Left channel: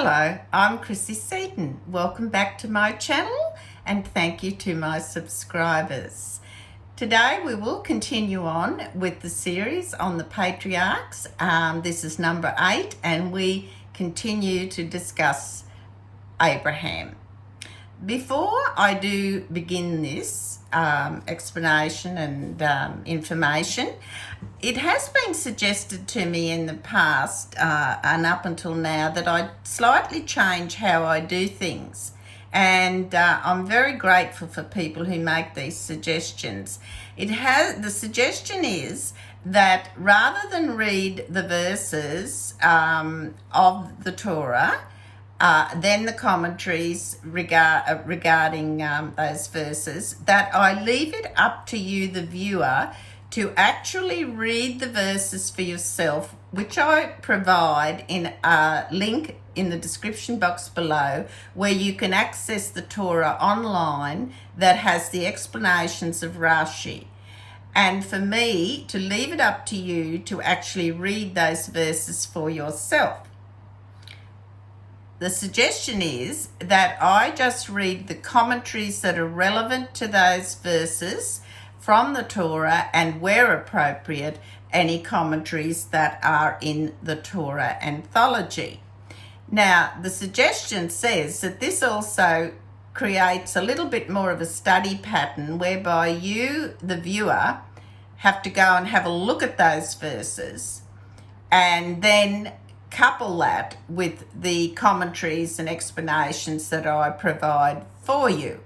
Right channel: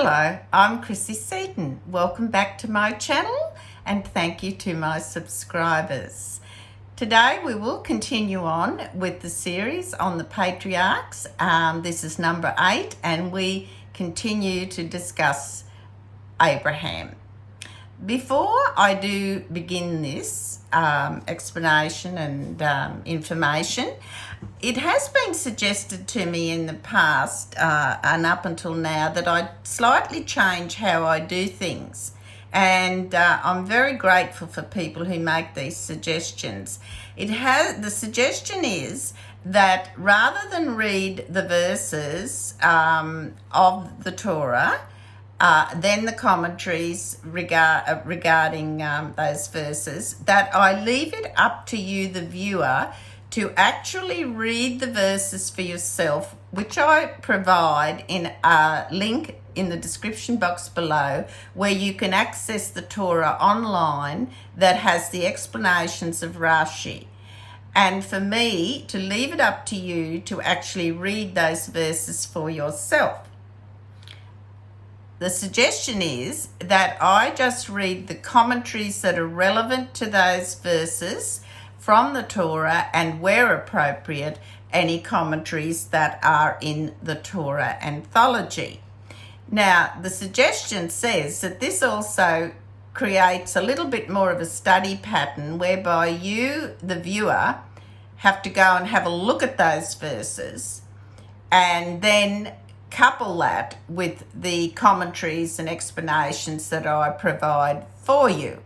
Hello, I'm Chrissy Seaton. Welcome back to my channel and thank you to my subscribers. Today we will continue on with the series on the Patriarchs. This is number 8 and we continue to discuss Abraham. Before I do begin this explanation and information, it has been suggested to me in the past and up until now that I slightly change how I do things. And I'm very grateful for people who make these suggestions. The suggestion is that rather than read the verses of the Torah, then the commentaries regarding those verses, that I leave it up to you, the viewer, to actually read the verses for yourself, which I provide in a link in the description box below, where you can access the Torah online that has the explanations of Rashi. And for me to leave it up to you to actually read those verses for yourself. The suggestion is that I just read the commentaries that are relevant to those verses from the Torah, and where appropriate, any commentaries that are in the Torah anthology. Now, the suggestion says that this also creates a little bit more of a study pattern whereby you, the viewer, have to go and have a look at those verses and then couple that with the commentaries and explanations that I provide for you.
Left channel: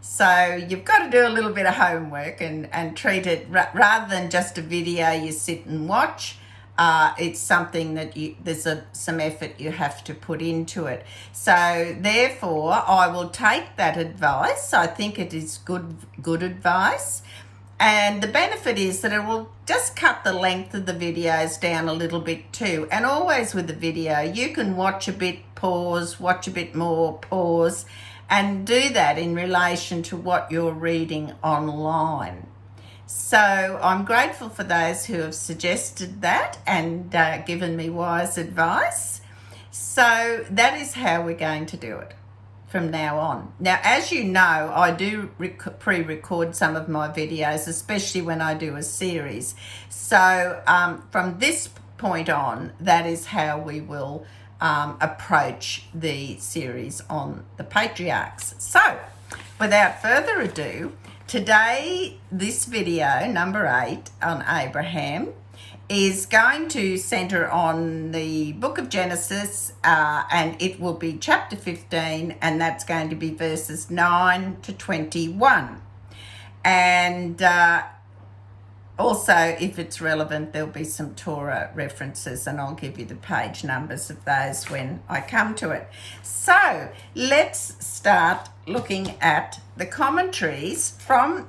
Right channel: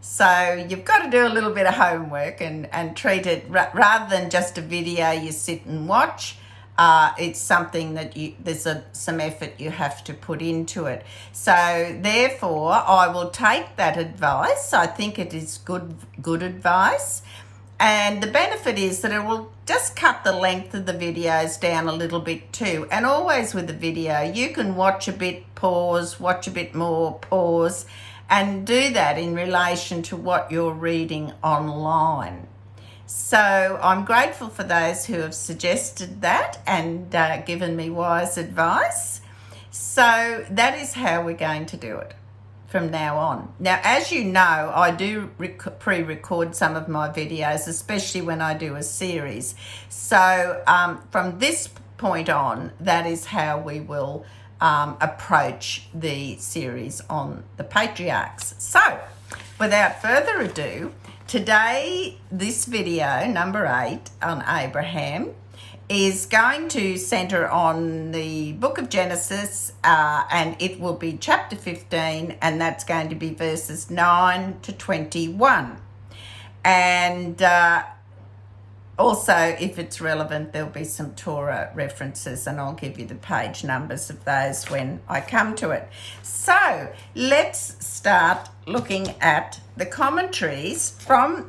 So you've got to do a little bit of homework and treat it rather than just a video you sit and watch. It's something that there's some effort you have to put into it. So therefore, I will take that advice. I think it is good advice. And the benefit is that it will just cut the length of the videos down a little bit too. And always with the video, you can watch a bit, pause, watch a bit more, pause, and do that in relation to what you're reading online. So I'm grateful for those who have suggested that and given me wise advice. So that is how we're going to do it from now on. Now, as you know, I do pre-record some of my videos, especially when I do a series. So from this point on, that is how we will approach the series on the Patriarchs. So, without further ado, today, this video, number 8, on Abraham, is going to centre on the book of Genesis, and it will be chapter 15, and that's going to be verses 9 to 21. And also, if it's relevant, there'll be some Torah references, and I'll give you the page numbers of those when I come to it. So, let's start looking at the commentaries from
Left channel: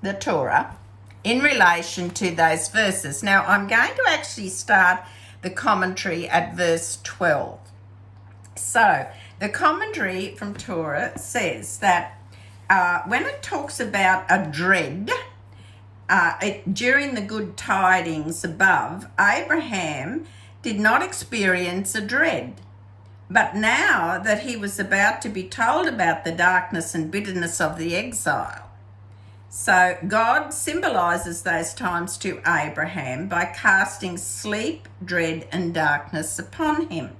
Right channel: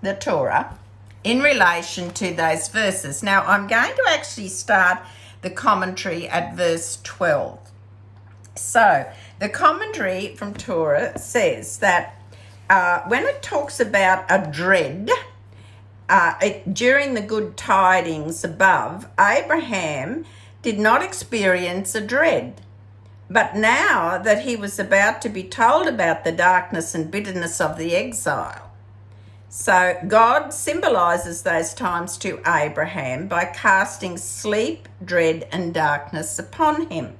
the Torah in relation to those verses. Now, I'm going to actually start the commentary at verse 12. So, the commentary from Torah says that when it talks about a dread, during the good tidings above, Abraham did not experience a dread. But now that he was about to be told about the darkness and bitterness of the exile, so God symbolises those times to Abraham by casting sleep, dread and darkness upon him.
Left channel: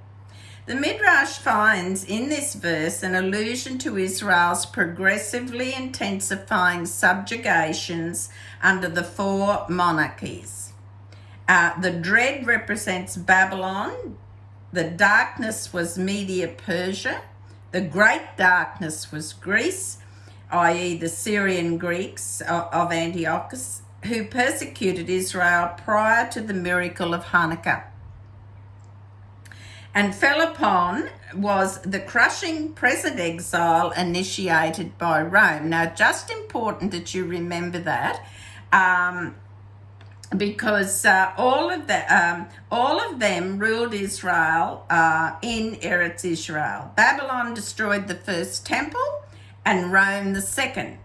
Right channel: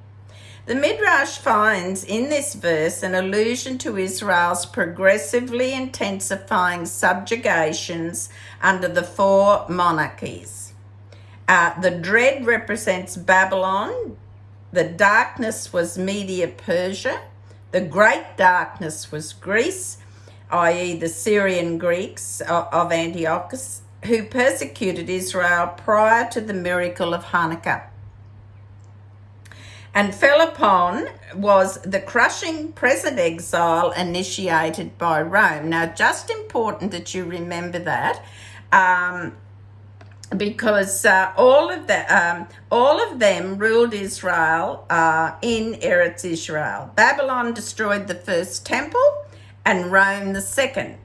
The Midrash finds in this verse an allusion to Israel's progressively intensifying subjugations under the 4 monarchies. The dread represents Babylon, the darkness was Media-Persia, the great darkness was Greece, i.e. the Syrian Greeks of Antiochus, who persecuted Israel prior to the miracle of Hanukkah. And fell upon was the crushing present exile initiated by Rome. Now, just important that you remember that, because all of them ruled Israel in Eretz Israel. Babylon destroyed the first temple and Rome the second.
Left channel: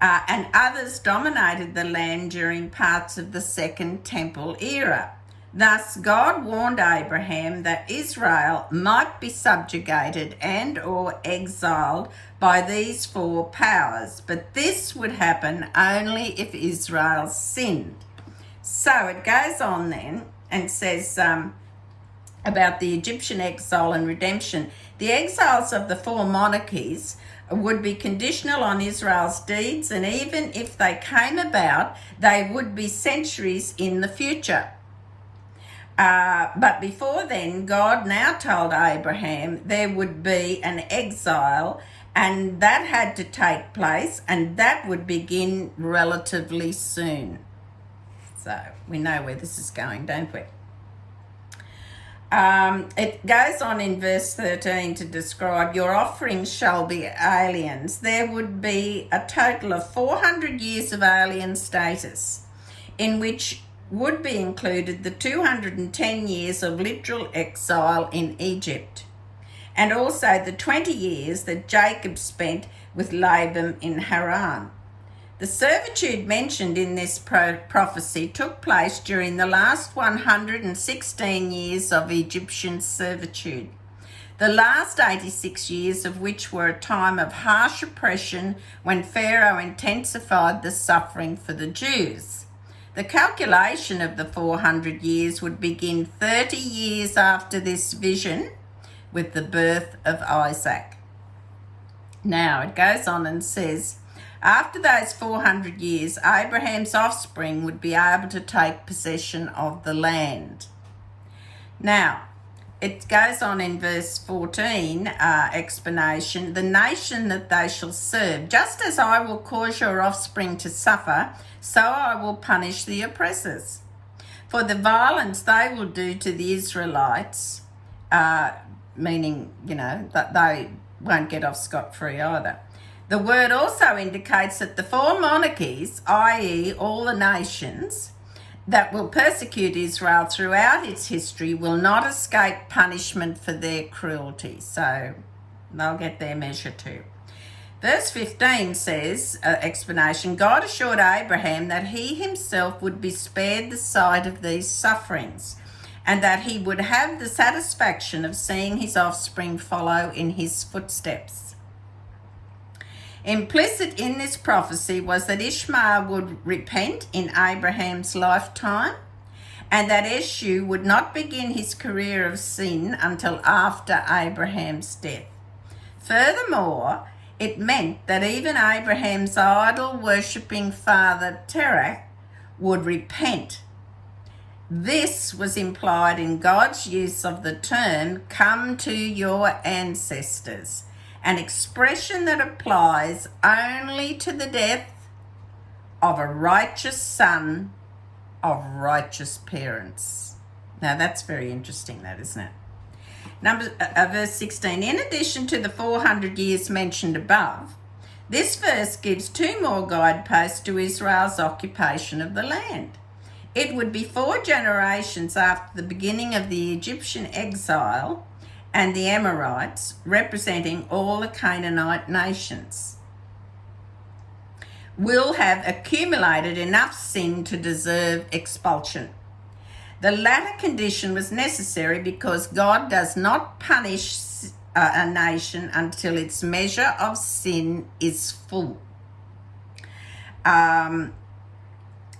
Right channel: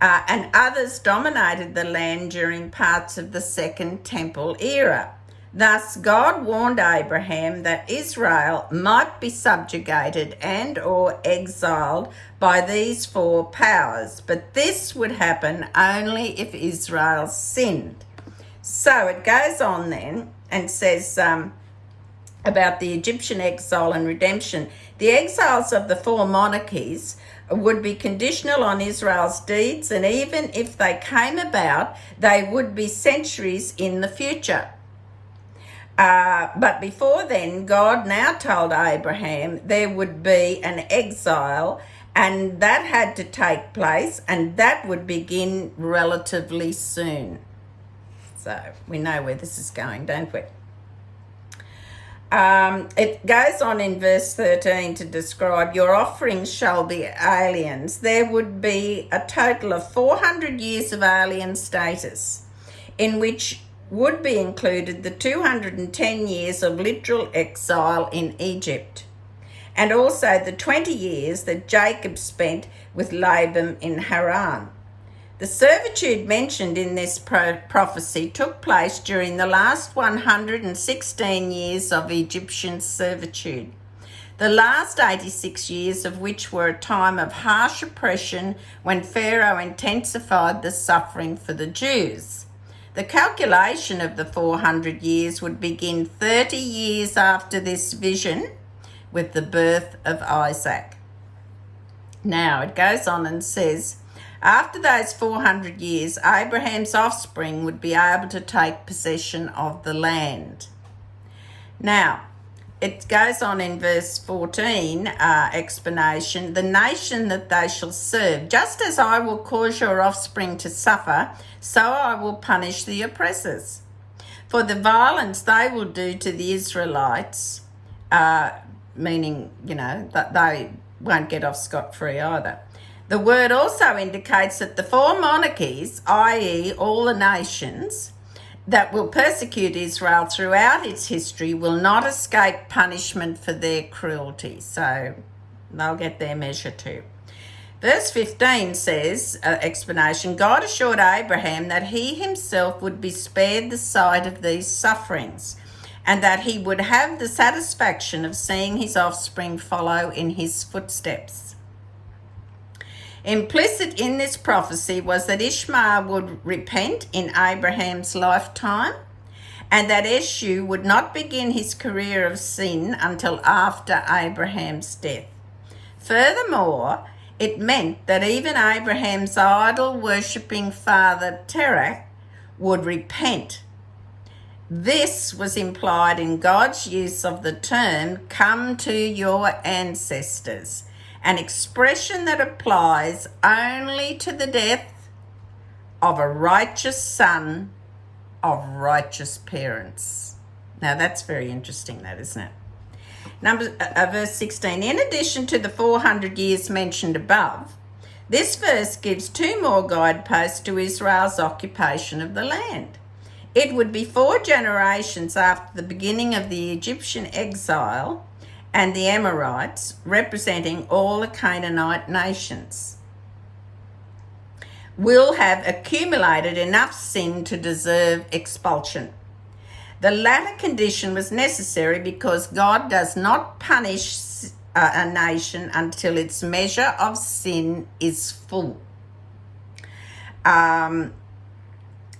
And others dominated the land during parts of the Second Temple era. Thus, God warned Abraham that Israel might be subjugated and or exiled by these four powers, but this would happen only if Israel sinned. So it goes on then and says about the Egyptian exile and redemption. The exiles of the four monarchies would be conditional on Israel's deeds, and even if they came about, they would be centuries in the future. But before then, God now told Abraham there would be an exile, and that had to take place, and that would begin relatively soon. So we know where this is going, don't we? It goes on in verse 13 to describe your offerings shall be aliens. There would be a total of 400 years of alien status, in which would be included the 210 years of literal exile in Egypt, and also the 20 years that Jacob spent with Laban in Haran. The servitude mentioned in this prophecy took place during the last 116 years of Egyptian servitude, the last 86 years of which were a time of harsh oppression when Pharaoh intensified the suffering for the Jews. The calculation of the 400 years would begin 30 years after this vision with the birth of Isaac. Now it goes on and says, after those 400 years, Abraham's offspring would be able to take possession of the land. Now, it goes on in verse 14, explanation, the nation that they shall serve, just as I will cause your offspring to suffer, so I will punish the oppressors. For the violence they will do to the Israelites, meaning, that they won't get off scot-free either. The word also indicates that the four monarchies, i.e. all the nations that will persecute Israel throughout its history, will not escape punishment for their cruelty. So they'll get their measure too. Verse 15 says, explanation, God assured Abraham that he himself would be spared the sight of these sufferings, and that he would have the satisfaction of seeing his offspring follow in his footsteps. Implicit in this prophecy was that Ishmael would repent in Abraham's lifetime, and that Esau would not begin his career of sin until after Abraham's death. Furthermore, it meant that even Abraham's idol-worshipping father Terah would repent. This was implied in God's use of the term, come to your ancestors, an expression that applies only to the death of a righteous son of righteous parents. Now that's very interesting, that, isn't it? Verse 16, in addition to the 400 years mentioned above, this verse gives two more guideposts to Israel's occupation of the land. It would be 4 generations after the beginning of the Egyptian exile and the Amorites, representing all the Canaanite nations, will have accumulated enough sin to deserve expulsion. The latter condition was necessary because God does not punish a nation until its measure of sin is full.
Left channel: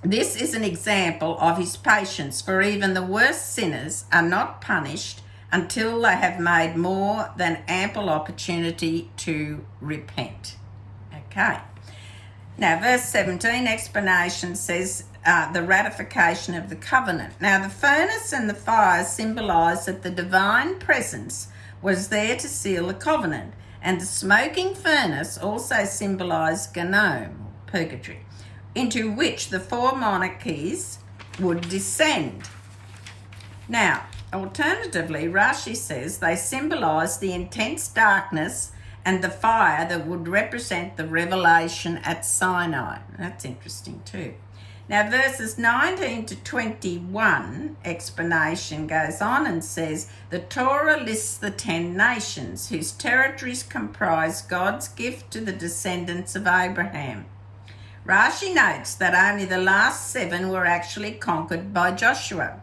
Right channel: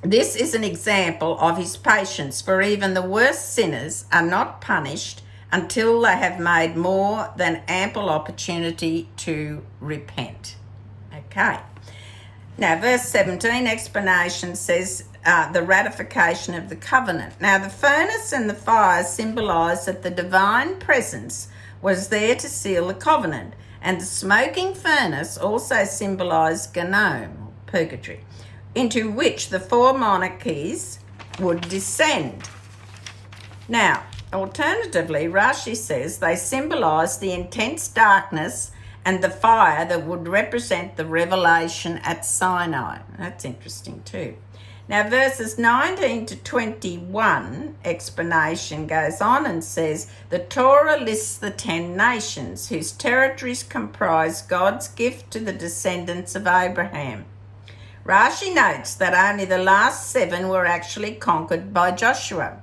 This is an example of his patience, for even the worst sinners are not punished until they have made more than ample opportunity to repent. Okay. Now, verse 17, explanation says the ratification of the covenant. Now, the furnace and the fire symbolise that the divine presence was there to seal the covenant, and the smoking furnace also symbolised Gehenna, purgatory, into which the 4 monarchies would descend. Now, alternatively, Rashi says they symbolise the intense darkness and the fire that would represent the revelation at Sinai. That's interesting too. Now, verses 19 to 21, explanation goes on and says, the Torah lists the 10 nations whose territories comprise God's gift to the descendants of Abraham. Rashi notes that only the last 7 were actually conquered by Joshua.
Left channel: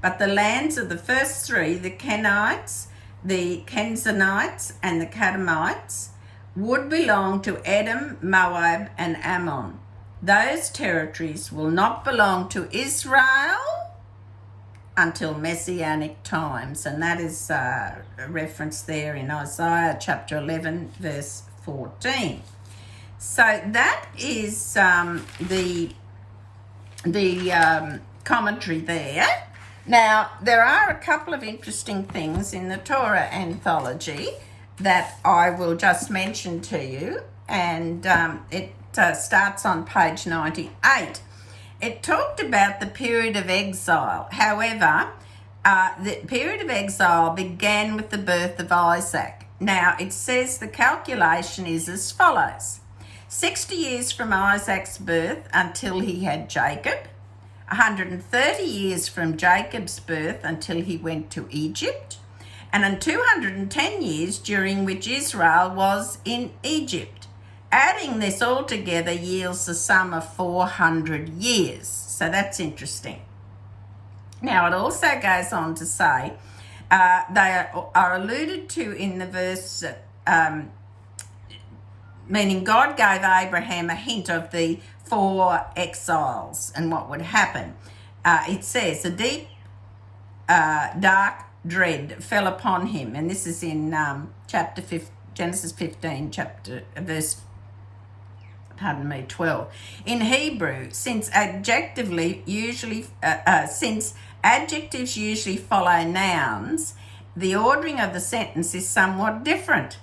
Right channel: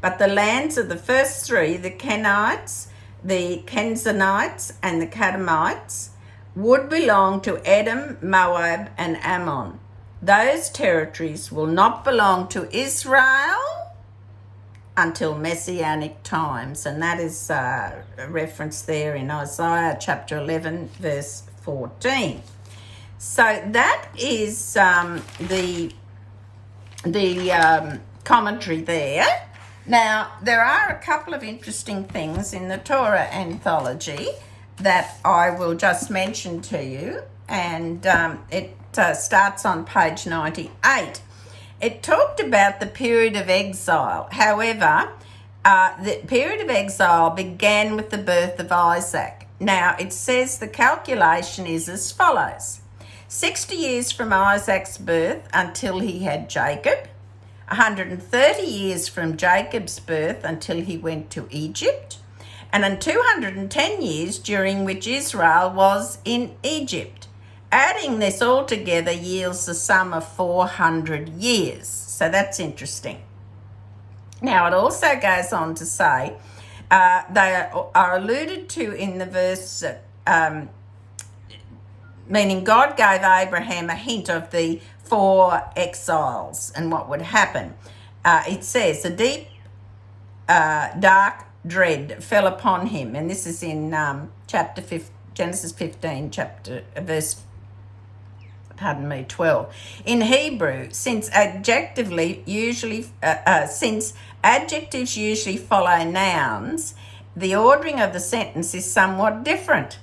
But the lands of the first three, the Kenites, the Kenzanites, and the Kadmonites, would belong to Edom, Moab, and Ammon. Those territories will not belong to Israel until Messianic times, and that is a reference there in Isaiah chapter 11, verse 14. So that is the commentary there. Now, there are a couple of interesting things in the Torah anthology that I will just mention to you, and it starts on page 98. It talked about the period of exile. However, the period of exile began with the birth of Isaac. Now, it says the calculation is as follows: 60 years from Isaac's birth until he had Jacob, 130 years from Jacob's birth until he went to Egypt, and then 210 years during which Israel was in Egypt. Adding this all together yields the sum of 400 years. So that's interesting. Now, it also goes on to say, they are alluded to in the verse, meaning God gave Abraham a hint of the 4 exiles and what would happen. It says, a deep, dark dread fell upon him. And this is in Genesis 15, verse 12. In Hebrew, since adjectives usually follow nouns, the ordering of the sentence is somewhat different.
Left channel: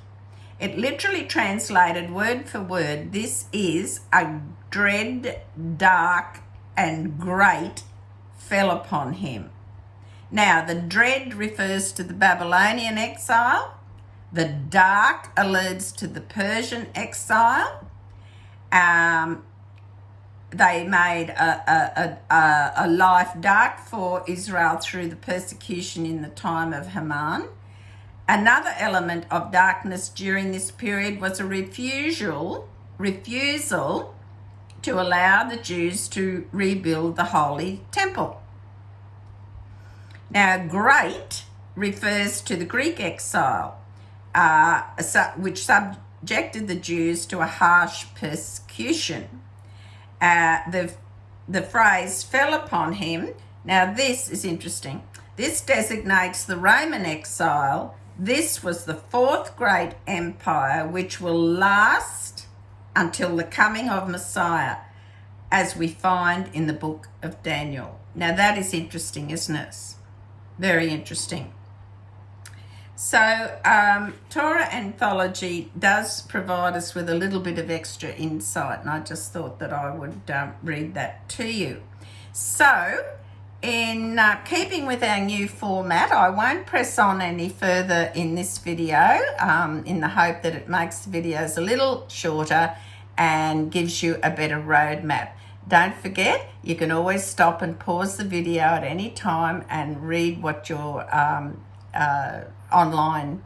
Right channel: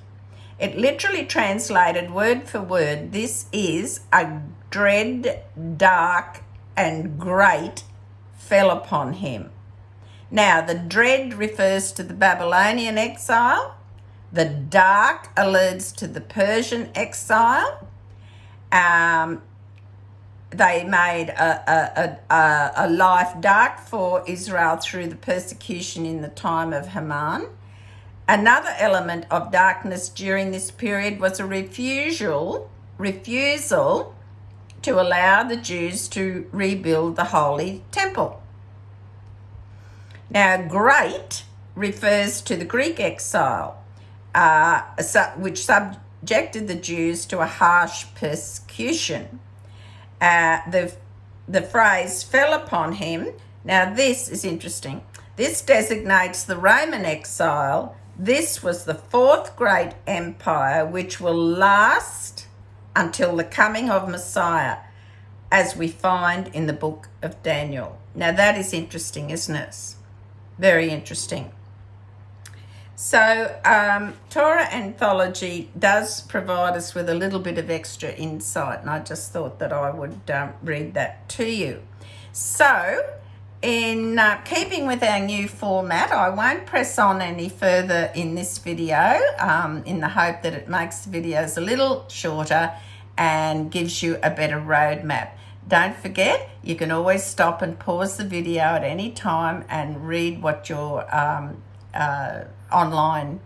It literally translated word for word, this is a dread, dark, and great fell upon him. Now, the dread refers to the Babylonian exile. The dark alludes to the Persian exile. They made a life dark for Israel through the persecution in the time of Haman. Another element of darkness during this period was a refusal to allow the Jews to rebuild the Holy Temple. Now, great refers to the Greek exile, which subjected the Jews to a harsh persecution. The phrase fell upon him. Now, this is interesting. This designates the Roman exile. This was the 4th great empire, which will last until the coming of Messiah, as we find in the book of Daniel. Now, that is interesting, isn't it? Very interesting. So, Torah Anthology does provide us with a little bit of extra insight, and I just thought that I would read that to you. So, in keeping with our new format, I won't press on any further in this video, in the hope that it makes the videos a little shorter and gives you a better roadmap. Don't forget, you can always stop and pause the video at any time and read what your online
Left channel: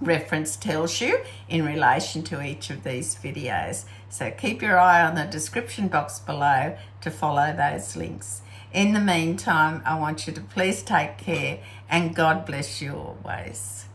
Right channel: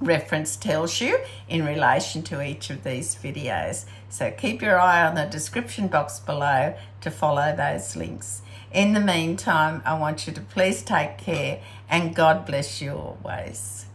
reference tells you in relation to each of these videos. So keep your eye on the description box below to follow those links. In the meantime, I want you to please take care and God bless you always.